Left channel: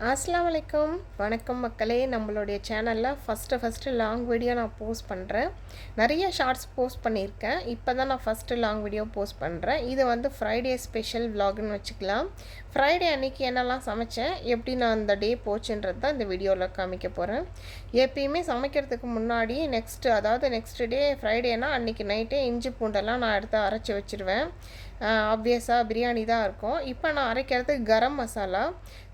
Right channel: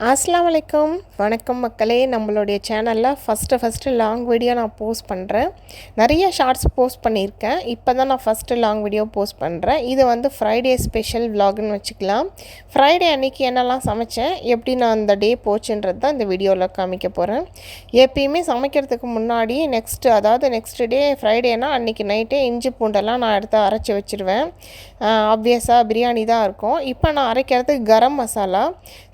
அஸ்லாம் வலைக்கம் வணக்கம் மக்களே. நம்மளுடைய சேனலில் ஃபஸ்ட்டு ஃபஸ்ட்டு லாங் வீடியோ நான் போஸ்ட் பண்ணுறேன் நிறைய ஷார்ட்ஸ் போஸ்ட் பண்ணியிருக்கேன். இப்போ தான் நான் ஃபஸ்ட்டு லாங் வீடியோ போஸ்ட் பண்ணுறேன் இது வந்து ஃப்ரைடே ஸ்பெஷல் விலாக்னு வச்சுக்கலாம். ஃப்ரைடே அன்றைக்கி என்னெல்லாம் சமைச்சேன் எப்படி நான் அந்த டே போச்சுன்றது தான் இந்த வீடியோவில் காமிக்க போகிறேன் எப்பயுமே சமைக்கிறதுக்கு முன்னாடி நெக்ஸ்ட்டு அதாவது நெக்ஸ்ட் டே ஃப்ரைடேனா அன்றைக்கி நைட்டே இஞ்சி பூண்டெல்லாம் நான் எடுத்து அரைச்சி வச்சுருவேன். ஆப்வியஸாக பிரியாணி தான் இருக்கும். இப்போ நான் அரைக்கிறது கரம் மசாலா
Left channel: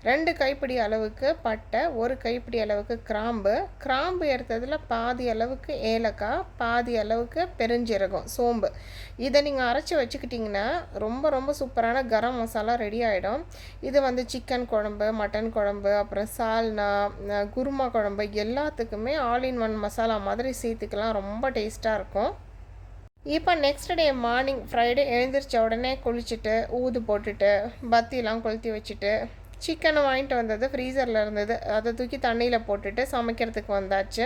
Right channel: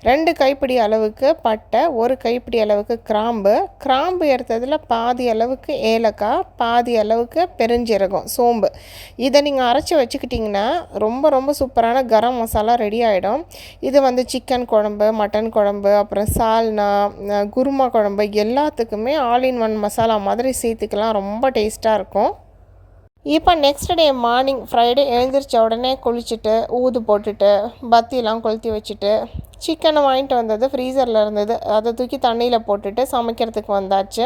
ரெண்டு கைப்பிடி அளவுக்கு பட்டை ஒரு கைப்பிடி அளவுக்கு கிராம்பு. கிராம்பு எடுத்ததில் பாதி அளவுக்கு ஏலக்காய் பாதி அளவுக்கு பெருஞ்சீரகம் சோம்பு. இதை நீங்கள் அரைச்சி வச்சுக்கிட்டிங்கன்னா ரொம்ப ரொம்ப சூப்பரான கரம் மசாலா ரெடி ஆகிடும் இது வந்து சிக்கன் குழம்பு மட்டன் குழம்பு அப்புறம் சால்னா குருமா குழம்பு எல்லாத்துக்குமே ஆல் இன் ஒன் மசாலா மாதிரி சேர்த்துக்கலாம். ரொம்ப டேஸ்ட்டாக இருக்கும். இப்போ நெக்ஸ்ட் டே மார்னிங் ஃப்ரைடே எழுந்திரிச்ச உடனே குளிச்சுட்டு ஊது போட்டுட்டு பத்திலாம் கொளுத்தி வச்சுட்டு சிக்கனை வாங்கிட்டு வந்தது ஃப்ரீசரில் இருந்தது. அதை தூக்கி தண்ணியில் போட்டுட்டு சமைக்கிறதுக்கு வந்தாச்சு.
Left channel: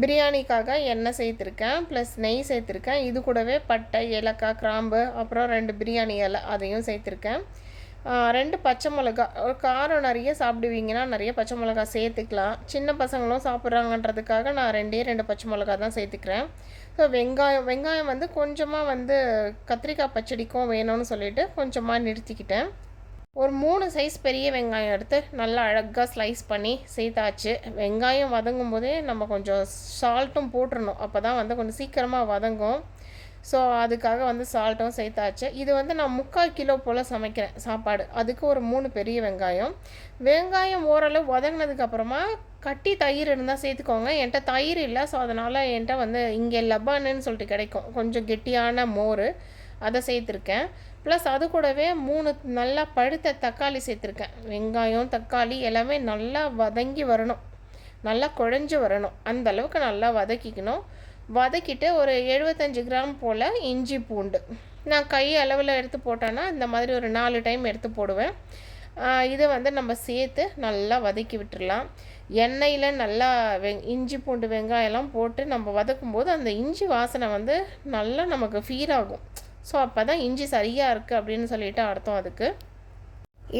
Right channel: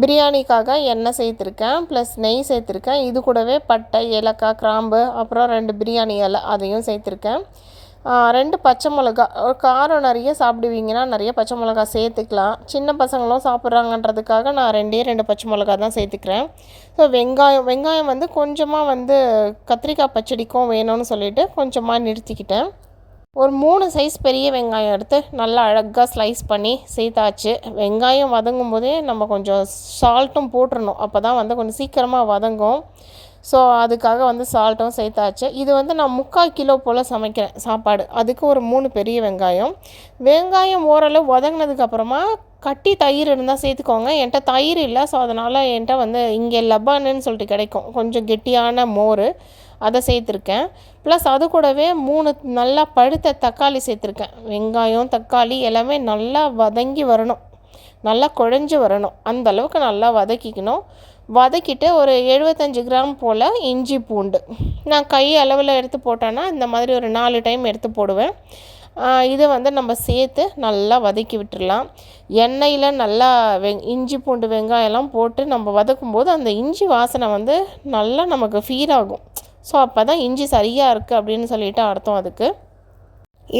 பிரியாணிக்காக எண்ணெய் சேர்த்துருக்கேன் ப்ளஸ் நெய் சேர்த்துருக்கேன். இது கூடவே பட்டை ஏலக்காய் கிராம்பு அப்புறம் ரெண்டு பிரியாணி இலை அதையும் சேர்த்துருக்கேன். ரெண்டு பச்சை மிளகா. காரம் நிறைய சாப்பிடுவீங்கன்னா நிறைய பச்சை மிளகா சேர்த்துக்கலாம். சின்ன பசங்களும் சாப்பிட்றாங்கன்றதுக்காக நான் ரெண்டே ரெண்டு பச்சை மிளகா தான் சேர்த்துக்கிறேன். ஸோ வெங்காயம் வெங்காயம் வந்து கொஞ்சமாக வந்து கத்திரிக்காய் பச்சடிக்கும் வேணும்னு சொல்லிட்டு கொஞ்சமாக நிறுத்திக்கிட்டேன். ஒரு மூணு சைஸ் பெரிய வெங்காயம் எடுத்து நல்லா அழகாக ஸ்லைஸ் பண்ணி சேர்த்தாச்சு. வெங்காயம் வதங்கும் போதே நம்ம கொஞ்சம் சால்ட்டும் போட்டுடணும் அப்போ தான் வந்து கொஞ்சம் சீக்கிரமாக வதங்கும். ஸோ அதுக்காக வந்து சால்ட்டும் சேர்த்தாச்சு. இது வந்து நான் முக்கால் கிலோ போல் சமைக்கிறேன் சாப்பாடு. அதுக்கு ஒரு மூணு பெரிய வெங்காயம். வெங்காயம் ஓரளவு வதங்கினதுக்கப்புறமா கட்டி தயிர் இருந்தால் சேர்த்துக்கோங்க. என்கிட்ட தயிர் இல்லை ஸோ அதனால் என்கிட்ட வந்து இங்கே லபானுன்னு சொல்லிட்டு கிடைக்கும். கொஞ்சம் கெட்டியான மோர் அதை சேர்த்துருக்கேன். ப்ளஸ் அது கூடவே மூணு நல்லா பழுத்த தக்காளி சேர்த்துருக்கேன். வெங்காயம் தக்காளி எல்லாமே நல்லா வதங்கி வரணும். நல்லா குழஞ்சி வரணும். அந்த அளவுக்கு நல்லா வதக்கிக்கணும். வதக்கிட்டு ஒரு எழுபத்தஞ்சு கிராம் போல் இஞ்சி பூண்டு. நான் கை அளவில் எடுத்து போட்டேன்னா இந்த மாதிரி ஒரு நாலு டைம் எடுத்து போடுவேன். இதை வந்து நம்ம சேர்த்து நல்லா வதக்கி விட்டுடலாம் எண்ணெயில் நல்லா வெ இஞ்சி பூண்டு வெங்காயம்லாம் போட்டு நம்ம வதக்கும் போது அந்த இஞ்சி வாசனை வந்து நல்லா நமக்கு ஃபீல் ஆகும். ஸோ அப்போ தான் இஞ்சி சரியாக இருக்குது அப்படின்னு சொல்லிட்டு அர்த்தம் அதுக்கு.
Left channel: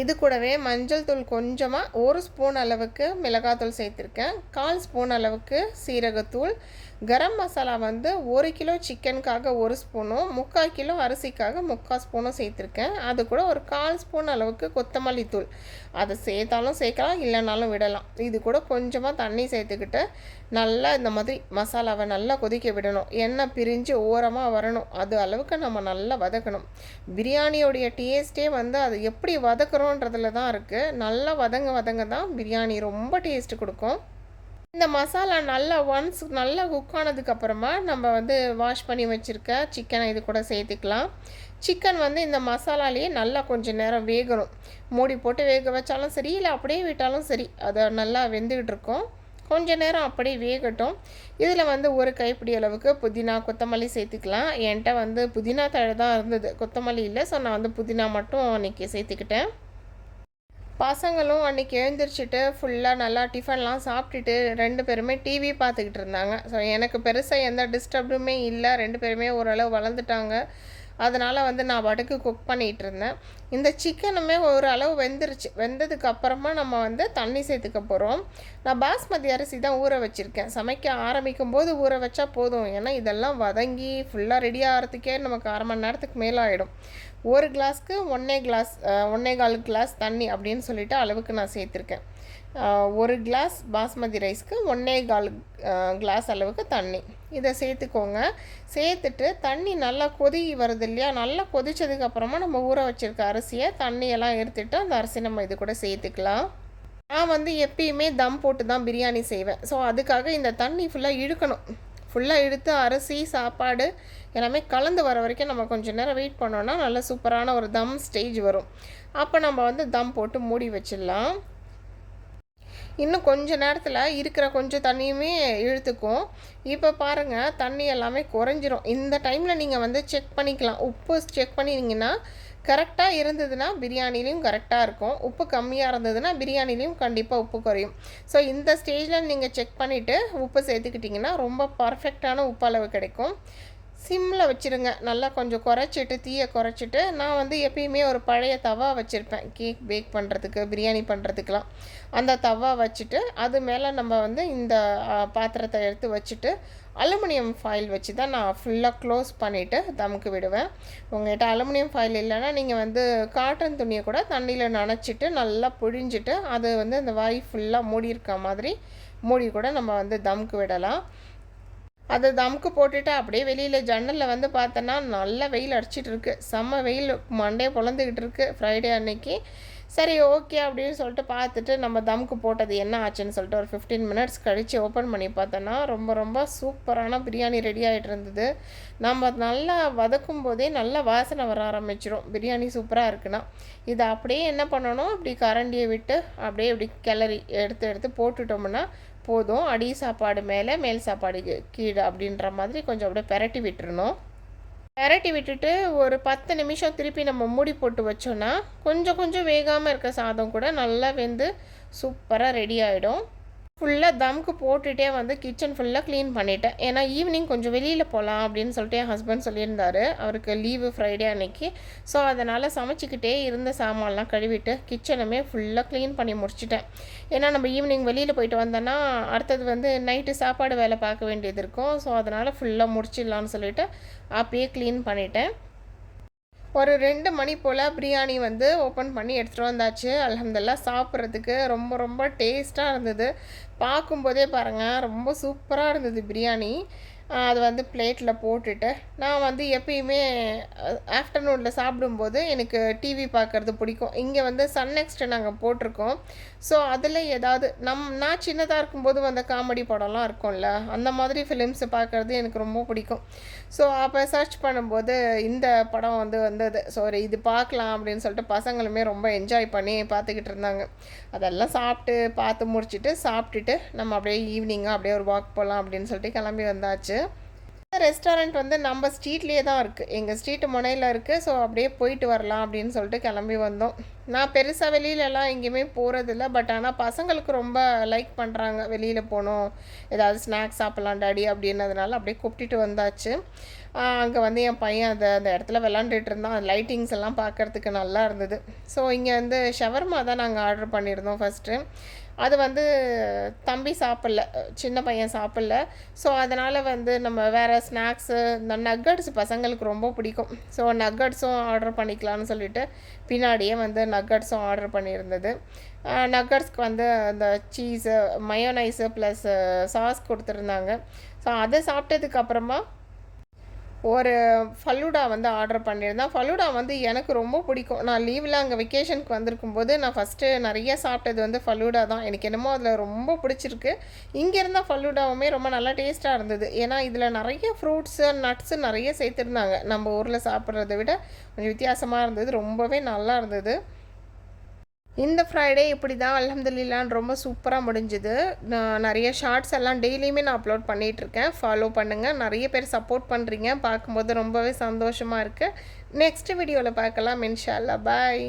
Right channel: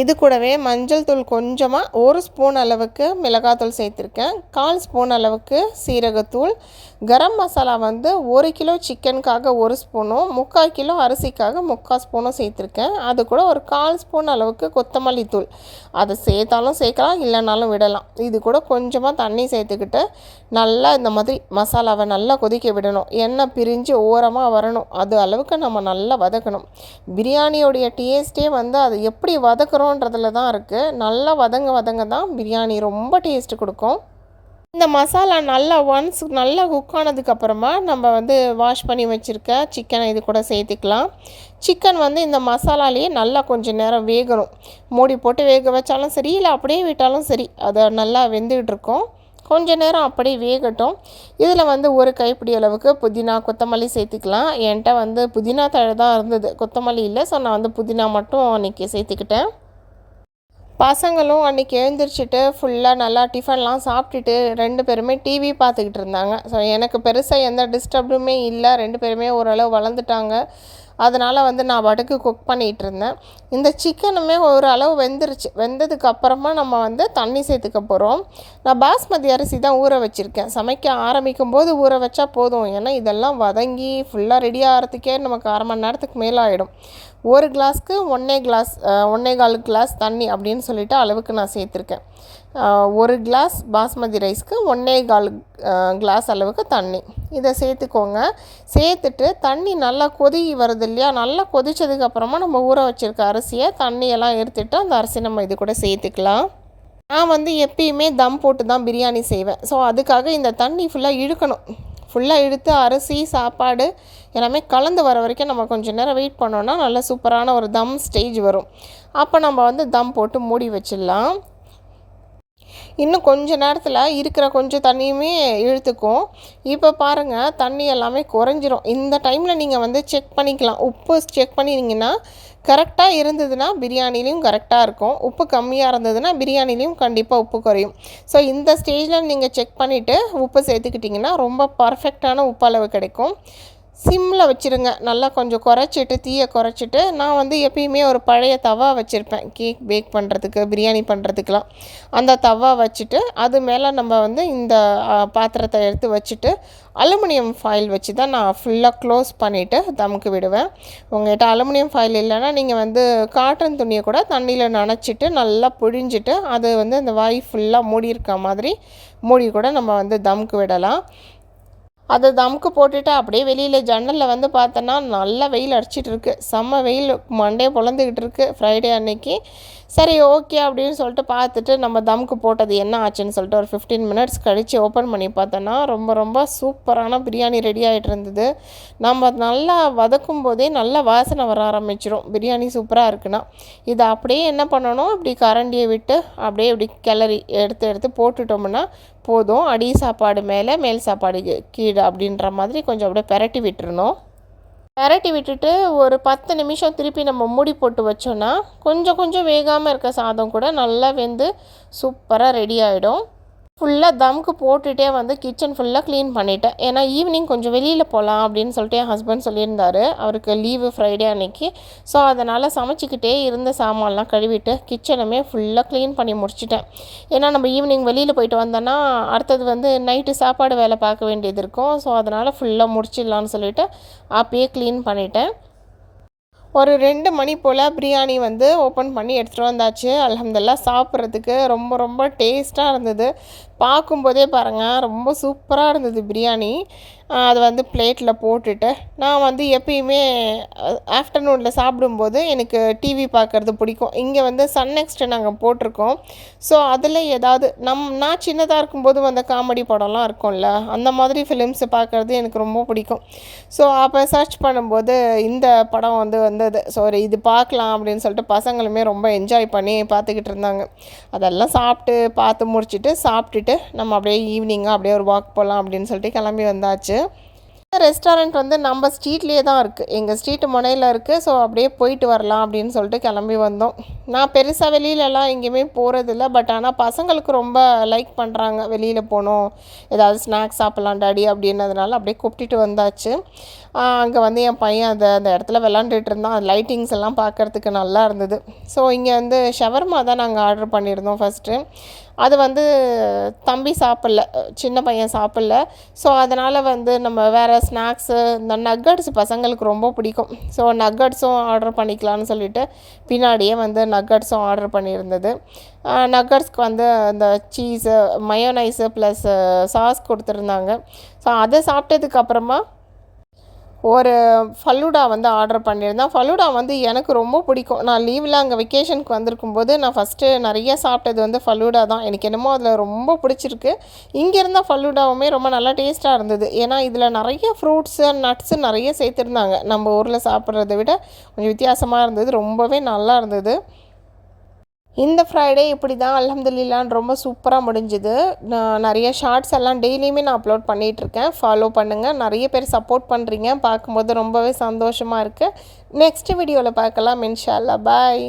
இது கூடவே மஞ்சள் தூள் கொஞ்சமாக ஒரு ஸ்பூன் அளவுக்கு மிளகாத்தூள் சேர்த்துருக்கேன். கால் ஸ்பூன் அளவுக்கு சீரகத்தூள் கரம் மசாலா வந்து ஒரு கிலோ சிக்கனுக்காக ஒரு ஸ்பூனும் முக்கால் கிலோ அரிசிக்காக முக்கால் ஸ்பூனும் சேர்த்துருக்கேன். அது கூட ஒரு கால் ஸ்பூன் அளவுக்கு கொத்தமல்லி தூள். அதை சேர்த்தாலும் சேர்க்கலாம் இல்லைனாலும் விடலாம். இது கூட கொஞ்சமாக தண்ணி சேர்த்துக்கிட்டு நல்லா இந்த மாதிரி மசாலாவை நல்லா கொதிக்க விடணும். எண்ணெய் பிரிஞ்சு ஓரமாக வரணும். அது அளவுக்கு நம்ம நல்லா வதக்கணும். பிரியாணியோடைய டேஸ்ட்டே வந்து அது எப்படி வதக்குறோன்றதுல தான் இருக்குது நல்லா வதங்க வதங்க தான் பிரியாணி ரொம்ப டேஸ்ட் கொடுக்கும். இந்த மசாலா நல்லா ஒன்ஸ் நல்லா குக் ஆனதுக்கப்புறமா நம்ம வந்து வாஷ் பண்ணி வச்சுருக்க சிக்கனை இது கூட சேர்த்துக்கலாம். சிக்கன் வந்து இந்த மசாலாலேயே நல்லா கொஞ்சம் நேரம் வேகணும். மூடி போட்டு வேக வச்சாலும் சரி இல்லை அப்படியே விட்டாலும் சரி அதை நல்லா வெந்துக்கிட்டு இருக்கும். கொஞ்ச நேரம் அப்படியே வேகட்டும். இதில் வந்து ஒரு கைப்பிடி அளவுக்கு புதினா கொத்தமல்லி சேர்த்துக்கலாம். என்கிட்ட வந்து புதினா தழை தான் இருந்தது. கொத்தமல்லி இல்லை ஸோ நான் வந்து புதினா மட்டும் அன்றைக்கி சேர்த்துக்கிட்டேன். பசங்களும் அன்றைக்கி எழுந்திரிச்சிட்டு ஃபுல்லாக நல்லா டிஃபன்லாம் சாப்பிட்டுட்டு ரெண்டு பேருமே டிவி பார்த்துக்கிட்டு இருந்தாங்க. ஸோ எனக்கு பெருசாக எந்த டிஸ்டர்புமே இல்லை. ரெண்டு பேருமே ஓரளவு வளர்ந்துட்டாங்க. அதனால் வந்து நான் வடுக்கு குக் பண்ணிகிட்டு இருந்தேன். இந்த சிக்கனுமே ஒரு அளவு வெந்துருச்சு. வெந்ததுக்கு அப்புறமா நம்ம வந்து தண்ணி சேர்த்துக்க போகிறோம் நான் பாஸ்மதி அரிசி தான் ஊற வச்சுருக்கேன். சமைக்க ஆரம்பிக்கும் போது ஊற வச்சா போதும். ஏன்னா இதெல்லாம் வதங்கி ஃபுல்லாக ரெடி ஆகிறதுக்கே நமக்கு அரை மணி நேரத்துக்கு மேலே ஆகிடும் ஒரு கிளாஸ்க்கு ஒன்றே கிளாஸ் ஒன்றே கால் கிளாஸ் தண்ணி அப்படின்னு சொல்லிட்டு அளவுக்கு நான் சேர்த்துருக்கேன். ஒரு கிளாஸ் பாஸ்மதி ரைஸ்க்கு ஒன்றே கால் கிளாஸ் அளவுக்கு தண்ணி. இதை சேர்த்துக்கோங்க. சேர்த்துட்டு தண்ணி நல்லா கொதி வருது இல்லையா? நல்லா கொதித்ததுக்கப்புறமா நம்ம ஊற வச்சுருக்க அரிசியை தண்ணியெல்லாம் எடுத்துட்டு அந்த அரிசி நம்ம இது கூட சேர்த்துக்கலாம். நான் வந்து எப்பயுமே தம் போட்டு தான் பிரியாணி செய்வேன். ஸோ அதுக்காக இந்த தண்ணி ஃபுல்லாக இழுக்கணும். ஃபுல்லாக இழுத்து அரிசி சாப்பாடு எல்லாமே கலந்து வர வரைக்கும் நம்ம கொஞ்சம் நேரம் வெயிட் பண்ணோன்னா நல்ல சூப்பரான ஒரு தம் ஸ்டேஜ் வரும். அப்போ நம்ம வந்து தம் போட்டு மூடி வச்சிடலாம். இன்னும் கொஞ்ச நேரத்தில் இருக்கிற கொஞ்சம் தண்ணியுமே இழுத்துக்கும். இப்போ பாருங்கள் தண்ணி எல்லாமே குறைஞ்சிரும். இந்த டைமில் நீங்கள் வந்து செக் பண்ணிக்கலாம். உப்பு செக் பண்ணினீங்கன்னா கரெக்டாக இருந்ததுன்னா பிரியாணிலையும் கரெக்டாக இருக்கும். உப்பு கம்மியாக இருந்ததுன்னா பிரியாணிலையும் கண்டிப்பாக உப்பு குறையும். ஸோ இந்த ஸ்டேஜில் நீங்கள் செக் பண்ணிவிட்டு உப்பு சேர்த்துக்கிட்டிங்கன்னா ரொம்ப பர்ஃபெக்டான உப்பு அளவு கிடைக்கும். சிம்மில் வச்சுருங்க. நல்லா கொஞ்சம் குறைச்சிட்டு தீயை குறைச்சிட்டு நான் வந்து எப்பயுமே ஒரு பழைய தவா வச்சுருப்பேன். கேக் பேக் பண்ணுறதுக்கு பிரியாணி பண்ணுறதுக்கெலாம் அந்த தவா வச்சுட்டு அது மேலே நம்ம வந்து இந்த பாத்திரத்தை எடுத்து வச்சுட்டு அலுமினியம் ஃபாயில் வச்சு தான் நான் ஃபுல்லாக க்ளோஸ் பண்ணிவிட்டு தமுக்கு விடுவேன். உங்கள்கிட்ட அலுமினியம் ஃபாயில் இல்லைன்னா நீங்கள் வந்து காட்டன் துணியை கூட தண்ணியில் நனைச்சிட்டு நல்லா புழிஞ்சிட்டு அது வந்து அந்த வாய் ஃபுல்லாக மூடி இருக்க மாதிரி மூடி கூட நம்ம வந்து தமுக்கு விடலாம். அதை தமுக்கு போட்டுட்டு அப்படியே வெளியில் ஜன்னலில் வந்து பார்த்தோன்னா நல்லா வெயில் அடிச்சிட்டு இருக்கு செம்ம வெயில் மண்டே பொழந்துக்கிட்டு இருக்கு ஃப்ரைடே அன்னைக்கு. சரி ஓகே அப்படின்னு சொல்லிட்டு பார்த்துட்டு நம்ம தமுக்கு போட்டது என்ன ஆச்சுன்னு சொல்லிட்டு ஒரு ஃபிஃப்டீன் மினிட்ஸ் கழித்து ஓப்பன் பண்ணி பார்த்தோன்னா ரொம்ப ரொம்ப சூப்பரான பிரியாணி ரெடி ஆகிட்டு இருந்தது. நம்ம நல்லா வதக்கும் போதே நல்லா வாசனை வர ஆரம்பிச்சிடும் பிரியாணி சூப்பராக இருக்குன்னா. இதை அப்படியே என்ன பண்ணணும்? இப்படி கரண்டியை விட்டு அப்படியே இப்படி கிளறி எடுத்து எடுத்து போட்டுட்டோம்னா போதும். அடி சாப்பாடு மேலே மேல் சாப்பாடு கீழே அப்படின்ற மாதிரி கொஞ்சம் அப்படியே பெரட்டி விட்டுருணும் பெரட்டி விட்டுட்டு ஒரு பத்து நிமிஷம் திருப்பி நம்ம மூடி போட்டு வச்சோன்னா கொஞ்சம் கொஞ்சம் வேகாமல் இருக்க சாதம் கூட நல்லா வெந்து சூப்பராக ரெடி ஆகிடும் ஃபுல்லாக தம்க்கு போட்டுகிட்டே வந்து கிச்சன் ஃபுல்லாக க்ளீன் பண்ணிட்டேன். ஏன்னா ஈவினிங் கொஞ்சம் வெளியில் போகலாம் அப்படின்னு சொல்லிட்டு என் ஹஸ்பண்ட் சொல்லியிருந்தார். அவருக்கு லீவு ஃப்ரைடே அன்னைக்கு. ஸோ அதனால் சமைச்சிக்கிட்டே இருந்த சாமான்லாம் கழுவிட்டு கிச்சனுமே ஃபுல்லாக க்ளீன் பண்ணி முடிச்சிட்டேன். ஏன்னா நம்ம ஈவினிங் வெளியில் போயிட்டு வந்தோன்னா அடுத்தது வந்து நைட்டு சாப்பாடு வேலை பார்க்க வேண்டியது இருக்கும். ஸோ அதனால் ஃபுல்லாக முடிச்சிடலான்னு சொல்லிவிட்டு அப்பயே க்ளீன் பண்ணிட்டேன். ஒரு ரெண்டு மணி போல் பிரியாணி வந்து ஓப்பன் பண்ணி எடுத்துகிட்டு வந்தாச்சு. அலமதுல்லா சாப்பிட்றதுக்கு ரொம்ப ரொம்ப டேஸ்ட்டாக இருந்தது. பார்க்கும்போதே பாருங்கள் ரொம்ப சூப்பராக இருந்தது பிரியாணி. அதை வந்து பிளேட்டில் போட்டுட்டு நான் வந்து எப்பயுமே ஆஃப்டர்நூனில் சாப்பிடும்போது எனக்கு டிவி பார்க்குறது பிடிக்கும். இங்கே வந்து சன் நெக்ஸ்ட்டு நாங்கள் போட்டிருக்கோம். ஸோ அதில் ஏதாவது நம் நான் சின்னதாக இருக்கும்போது வந்த காமெடி படம்லாம் இருக்கும்ல அந்த மாதிரி ஃபிலிம்ஸை பார்க்குறது எனக்கு ரொம்ப பிடிக்கும். ஸோ அப்போ சர்ச் பண்ணும்போது இந்த படம் வந்து வந்தது. ஸோ இது பார்க்கலாம் அப்படின்னு சொல்லிட்டு பசங்களுமே ரொம்ப என்ஜாய் பண்ணி பார்த்துக்கிட்டு இருந்தாங்க. அதெல்லாம் சாப்பிட்டு பார்த்து முடிச்சுட்டு சாப்பிட்டுட்டு நம்ம அப்படியே ஈவினிங்காக அப்படியே ஒரு வாக் போகலாம் அப்படின்னு சொல்லிட்டு கிளம்பி வந்தாச்சு. ரெஸ்டாரண்ட் வந்து நம்ம ஸ்ட்ரீட்லேயே தான் இருக்குது எங்கள் ஸ்ட்ரீட்டு முனையில் இருக்குது ஸோ அப்படியே போயிட்டு வரலாம் அப்படின்னு சொல்லிட்டு கிளம்பி வந்தோம். நான் பெருசாக வெளியிலலாம் எங்கேயுமே போகிறதில்ல பட் ஆனால் பசங்களுக்கு ரொம்ப லைக் பண்ணுறாங்க வெளியில் போகணும். ஏதாவது ஸ்நாக்ஸ் சாப்பிட்லாம் டாடி அப்படின்னதுனால அப்படியே கூப்பிட்டுட்டு வந்தாச்சு. அங்கே வந்து என் பையன் அந்த அந்த இடத்துல விளாண்டுட்டு இருந்தான். அந்த லைட்டிங்ஸ் எல்லாம் பார்க்குறதுக்கு நல்லா இருந்தது. ஸோ இங்கே வந்து ஷவர்மா தான் நாங்கள் ஆர்டர் பண்ணியிருந்தோம் ஃபஸ்ட்டு அது வந்து தம்பி சாப்பிட்ல சின்ன பையன் சாப்பிட்ல. ஸோ அதனால் வந்து நம்ம வேறு ஸ்நாக்ஸு இந்த நக்கட்ஸ் பசங்களுக்கு ரொம்ப பிடிக்கும். ஸோ நக்கட்ஸும் ஆர்டர் பண்ணிக்கலாம்னு சொல்லிட்டு பின்னாடியே வந்து நக்கட்ஸும் ஆர்டர் பண்ணியிருந்தது. நக்கட்ஸ்க்கு வந்து அந்த சீஸு மயோனைஸு ப்ளஸ் சாஸ் கொடுத்துருந்தாங்க. ஸோ அதை சாப்பிட்டதுக்கப்புறமா ஒரு ஃபலூடா வந்து ஆர்டர் பண்ணியிருந்தேன். ஃபலூடா வந்து எனக்கு ரொம்ப பிடிக்கும். நான் லீவில் அங்கே வெக்கேஷனுக்கு வந்திருக்கும் போது நான் ஃபஸ்ட்டு நிறைய சாப்பிட்டது வந்து ஃபலூடா தான். எனக்கு என்னமோ அதில் ரொம்ப பிடிச்சிருக்கு. இங்கே இருந்தால் ஃபலூடாவுமே ரொம்ப நல்லா டேஸ்ட்டாக இருந்தது. ஏன்னா இதில் நிறைய ஃப்ரூட்ஸு நட்ஸு நிறைய சேர்த்துருந்தாங்க. நம்ம ஊரில் சாப்பிட்றத விட கொஞ்சம் வித்தியாசமாக இருந்தது. ரொம்பவே நல்லா இருந்தது. இந்த ஃப்ரைடே இப்படி தான் அலமதுல்லான் ரொம்ப சூப்பராக முடிஞ்சுது. நான் நிறைய ஷார்ட்ஸ் எல்லாம் டெய்லியுமே நான் அப்லோட் பண்ணிகிட்ருக்கேன் ஃபாலோ பண்ணுங்கள் நிறைய பேர் சப்போர்ட் பண்ணுறீங்க பார்க்கும்போது ரொம்பவே சந்தோஷமாக இருக்குது நெக்ஸ்ட் வீடியோவில் பார்க்கலாம் இன்ஷால்லா பாய்